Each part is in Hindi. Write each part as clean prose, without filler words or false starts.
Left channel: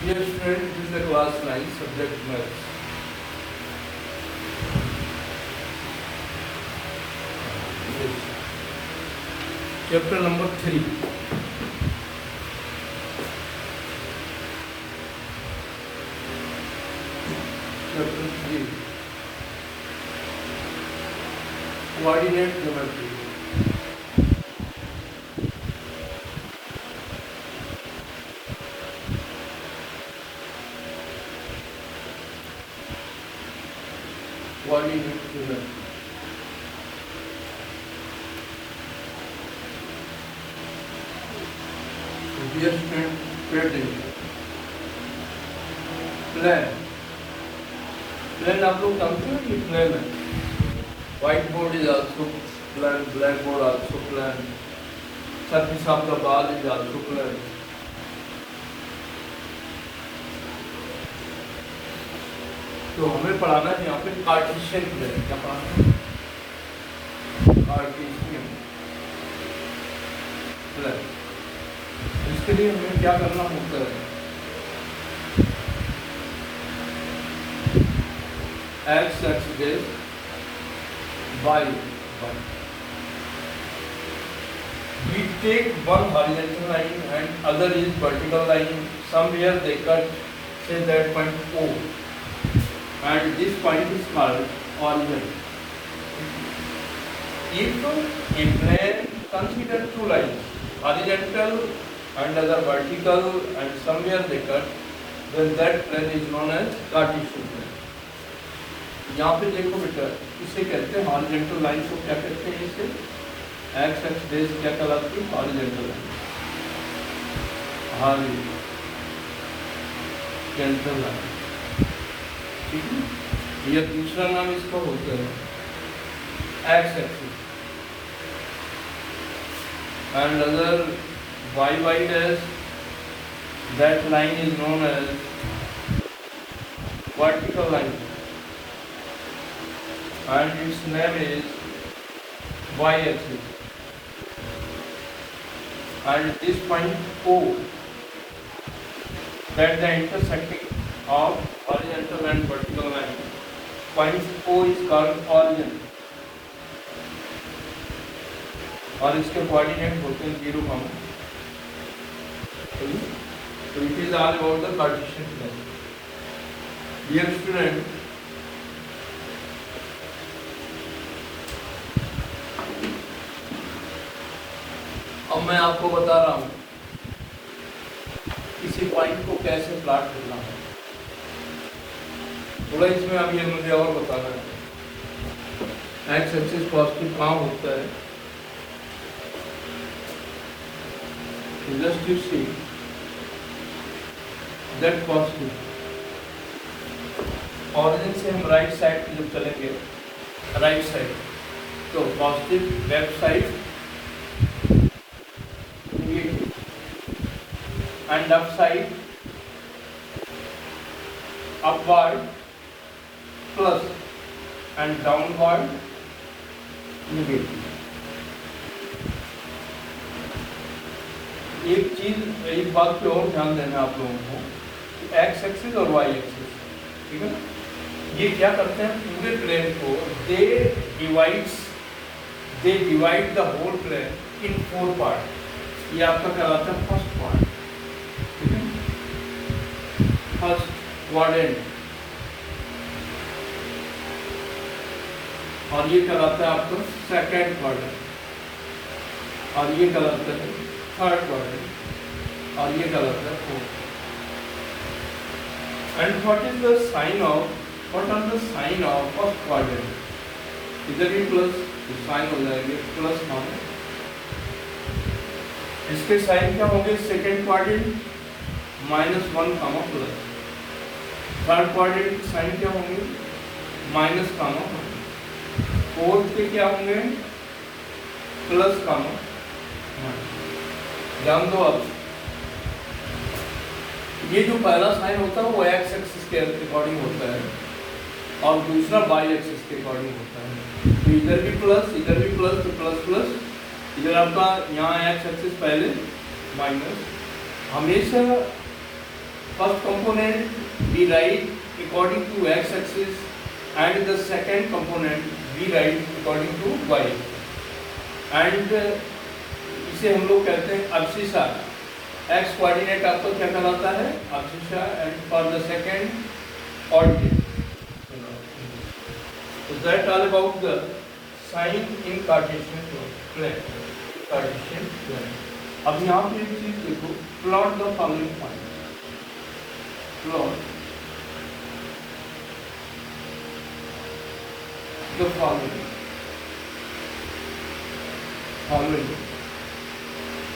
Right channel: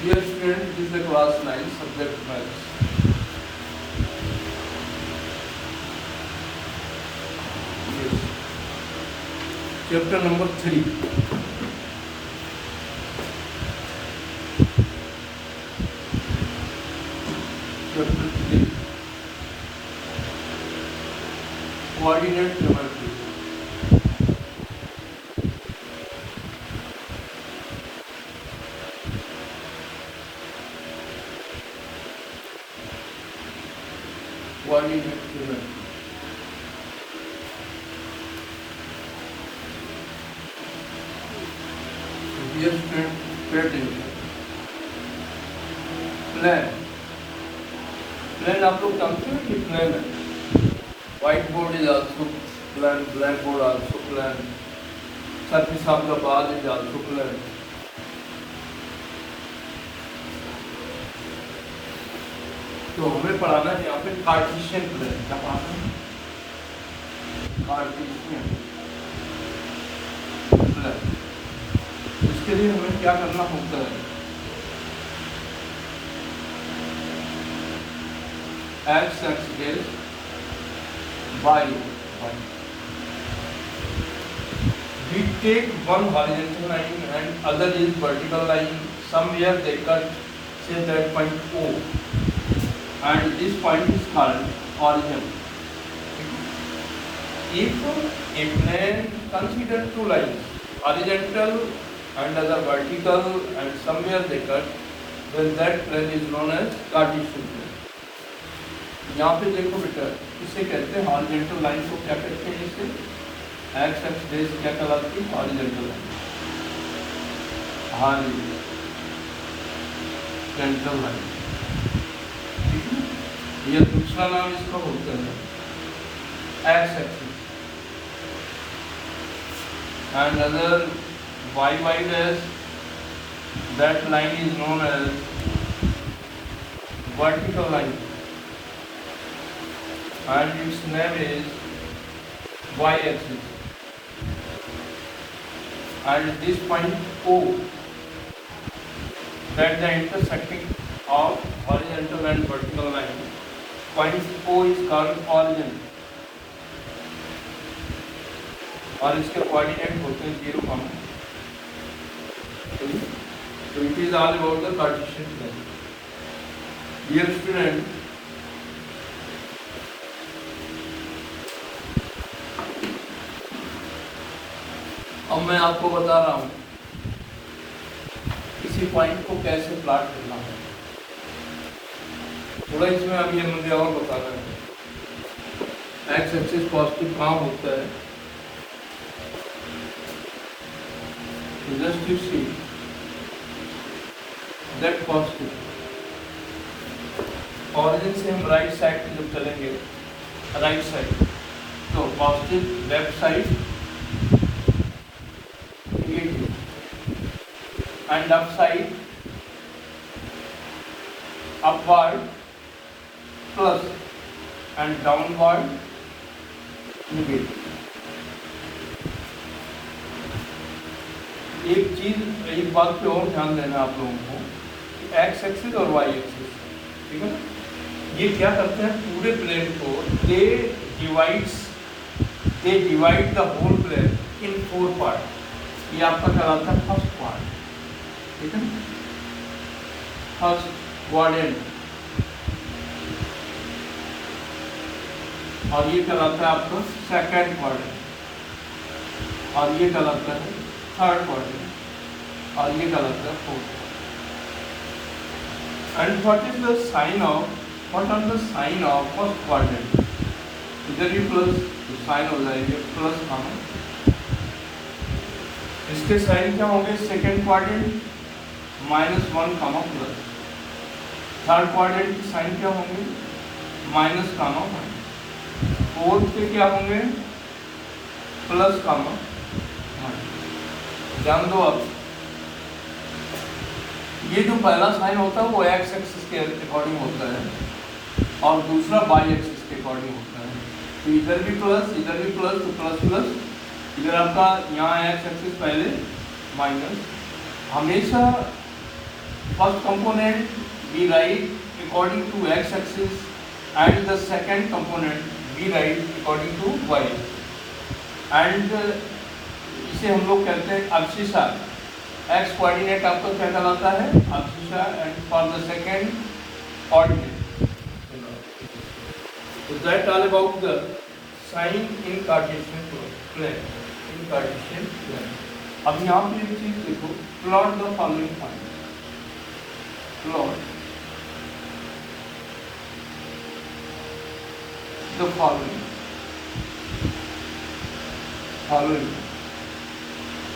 Dear student, this is the class 9 subject maths. Yes. Chapter number 3. Chapter 3. Coordinate geometry. Coordinate geometry. Dear student, pay attention. Plan. Plan आप लोग समझते हो कि plan है. Whiteboard is also plan, blackboard also plan. Surface of the ball is also plan. तो हमें पढ़ाना है यहाँ पे कार्टेशियन प्लेन. क्या पढ़ाना है? Cartesian plane. इसके लिए हमें क्या करना होता है? X axis y. We take one horizontal line and other is vertical line. Somewhere they cut, say that point O, and this point is called origin. If a plane consider two lines, horizontal and other vertical, and somewhere they cut, then that plane is known as Cartesian plane. यहाँ पे देखो बेटा, इसे कहते हैं हॉरिजॉन्टल लाइन को क्या कहते हैं? इसे एक्स एक्स बेस क्या कहलाती है? Horizontal line. हॉरिजॉन्टल लाइन, ठीक है. ये दूसरा नाम इसका होता है x axis, and other y y dash, that line is known as vertical line, and its name is y-axis, and this point O, that the intersecting of horizontal and vertical line, point O is called origin, और इसके कोऑर्डिनेट होते हैं 0, so it is all about the Cartesian plane. Dear student, अब मैं आपको बता रहा हूँ किसी पॉइंट को कैसे प्लॉट करना है. थोड़ा इसमें अब ये मुझे और बताना है. एक्स एक्सिस पॉजिटिव कहाँ होता है? Just to see that positive. Origin से हम राइट साइड की जब चलेंगे, राइट साइड, तो positive left side and upside upward plus and downward negative. एक बात पे और ध्यान देना आप लोगों को, एक्स एक्सिस और वाई एक्सिस, ठीक है ना, ये क्या करते हैं? पूरे प्लेन को they divide the whole plane in 4 part. ये आपका कहलाता है फर्स्ट पार्ट, ठीक है, फर्स्ट क्वाड्रेंट, और ये कहलाता है आपका सेकंड क्वाड्रेंट, और ये कहलाता है थर्ड क्वाड्रेंट, और ये कहलाता है fourth. And what are the sign of first quadrant? इधर भी प्लस साइन हो जाएंगे, प्लस हम इसके साइन क्या होंगे? Second quadrant -1 comma plus. Third quadrant के साइन क्या होंगे? Minus comma minus. फोर्थ पे क्या होंगे? Plus comma minus. ध्यान दो अब, ये जो पहला साइन होता है वो एक्स एक्सिस के अकॉर्डिंग होता है, और दूसरा वाई एक्सिस के अकॉर्डिंग होता है. तो इधर भी प्लस, इधर भी प्लस, तो प्लस प्लस, इधर आपका यहाँ एक्स एक्सिस पहले माइनस. हमेशा first component we write according to x-axis and the second component we write according to y and इसे हम लोग कहते हैं अब्सिशा। x कोऑर्डिनेट आपको क्या कहलाता है? Abscissa and for the second coordinate. So that all about the sign in Cartesian plane. Cartesian plane. अब यहाँ पे एक चीज देखो, plot the following point. Plot the following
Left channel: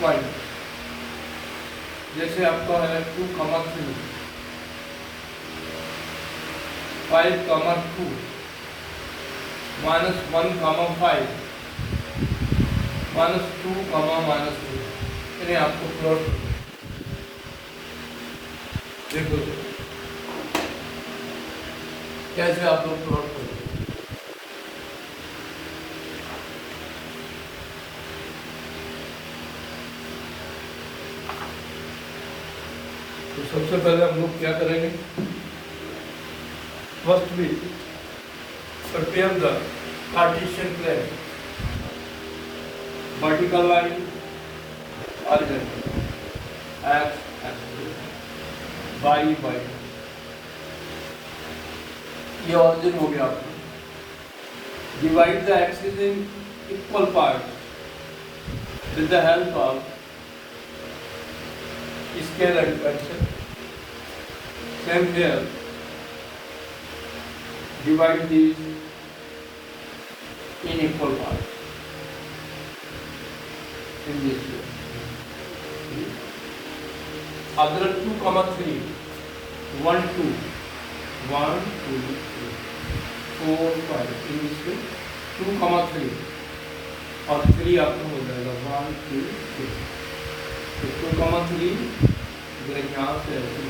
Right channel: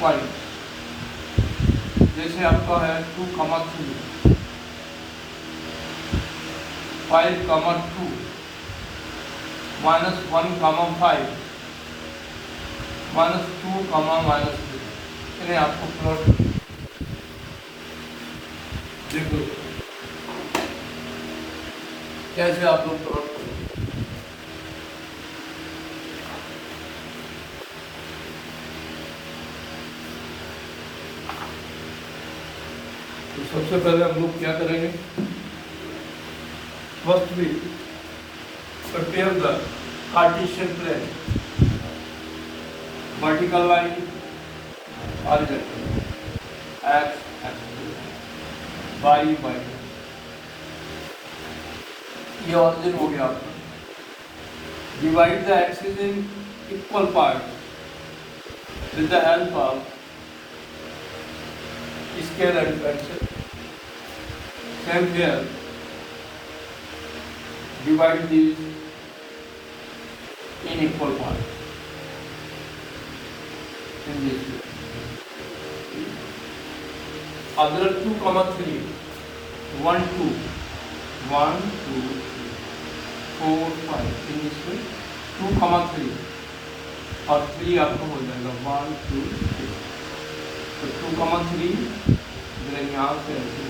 point. जैसे आपका है 2, 3, 5, 2, -1, 5, -2, -3। इन्हें आपको प्लॉट देखो कैसे आप लोग प्लॉट करेंगे। तो सबसे पहले हम लोग क्या करेंगे? Firstly prepare the Cartesian plane, vertical line, horizontal, x, y, ये ऑरिजिन हो गया आपका। Divide the axis in equal parts with the help of scale and pencil. Same here. Divide these in equal parts in this way. Other 2, 3, 1, 2, 1, 2, 4, 5 in this way. 2, 3 और 3 आपको हो जाएगा 1, 2, 3। तो 2, 3 इधर यहाँ से ऐसे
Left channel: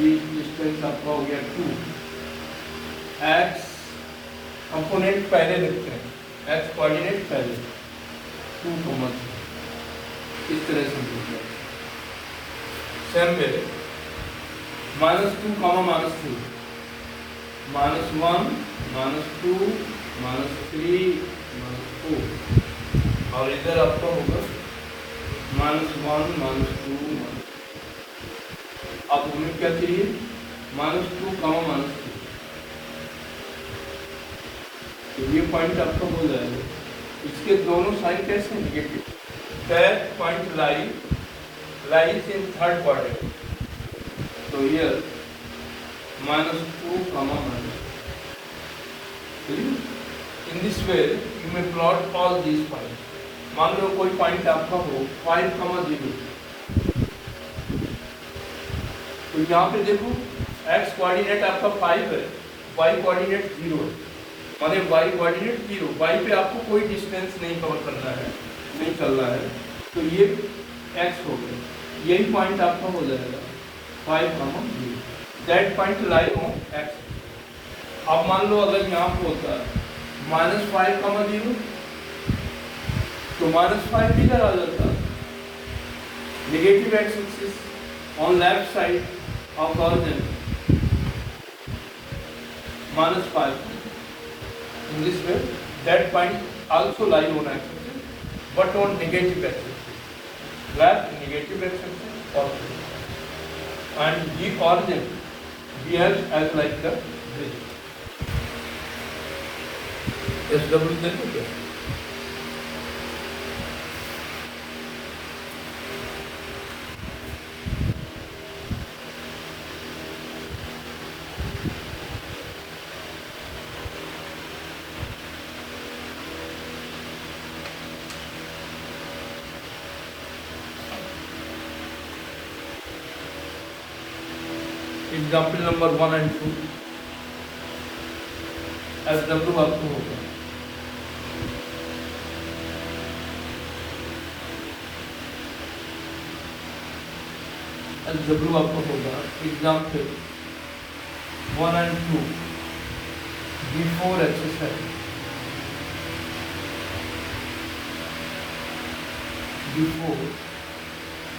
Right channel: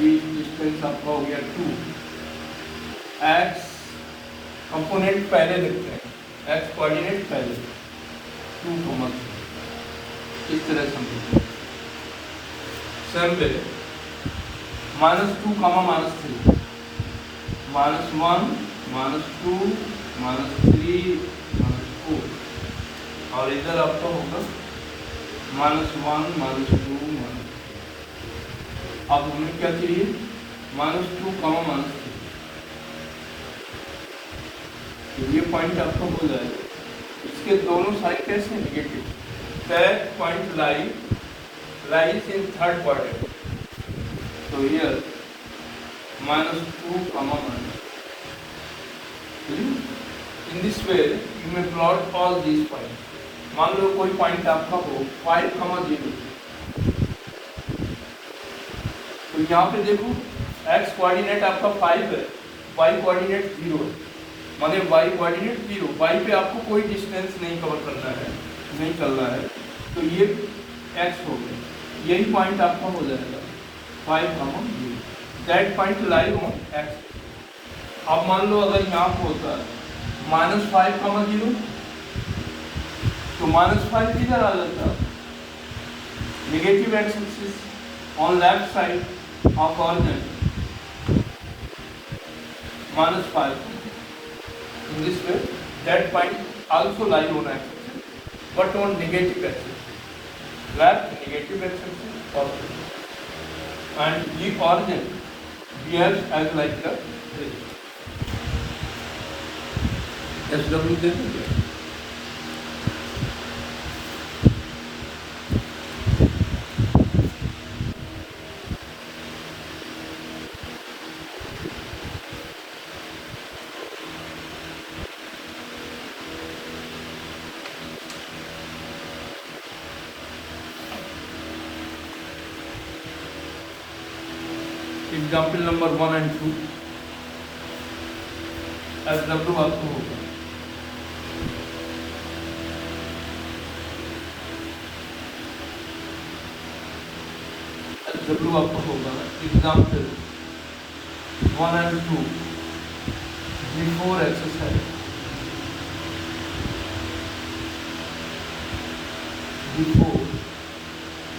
डिस्टेंस आपका हो गया 2। x कंपोनेंट पहले लिखते हैं, x कोऑर्डिनेट पहले 2, 3 इस तरह से हम लिखते हैं। सेम वे -2, -3, -1, -2, -3, -4 और इधर आपका होगा -1, -2, आप उन्हें क्या करिए? -2, -3। तो ये पॉइंट आपका हो जाएगा। इसके दोनों साइड कैसे negative? That point lies in third quadrant. तो here -2, in this way you may plot all these point. मान लो कोई पॉइंट आपका हो 5, 0। तो यहाँ पे देखो x कोऑर्डिनेट आपका 5 है, y कोऑर्डिनेट 0 है, माने y कोऑर्डिनेट 0। y पे आपको कोई डिस्टेंस नहीं कवर करना है, नहीं चलना है। तो ये x हो गया, यही पॉइंट आपका हो जाएगा 5, 0। That point lie on x। अब मान लो अगर यहाँ पे होता है -5, 0 तो -5 किधर आ जाता? Negative x axis on left side of origin -5 in this way. That point also lie on x-axis but on negative axis, left negative axis positive, and the origin behaves as like this. SW देखोगे एग्जाम्पल नंबर 1 and 2 SW आपको होगा। SW आपको होगा example 1 and 2 before exercise. Before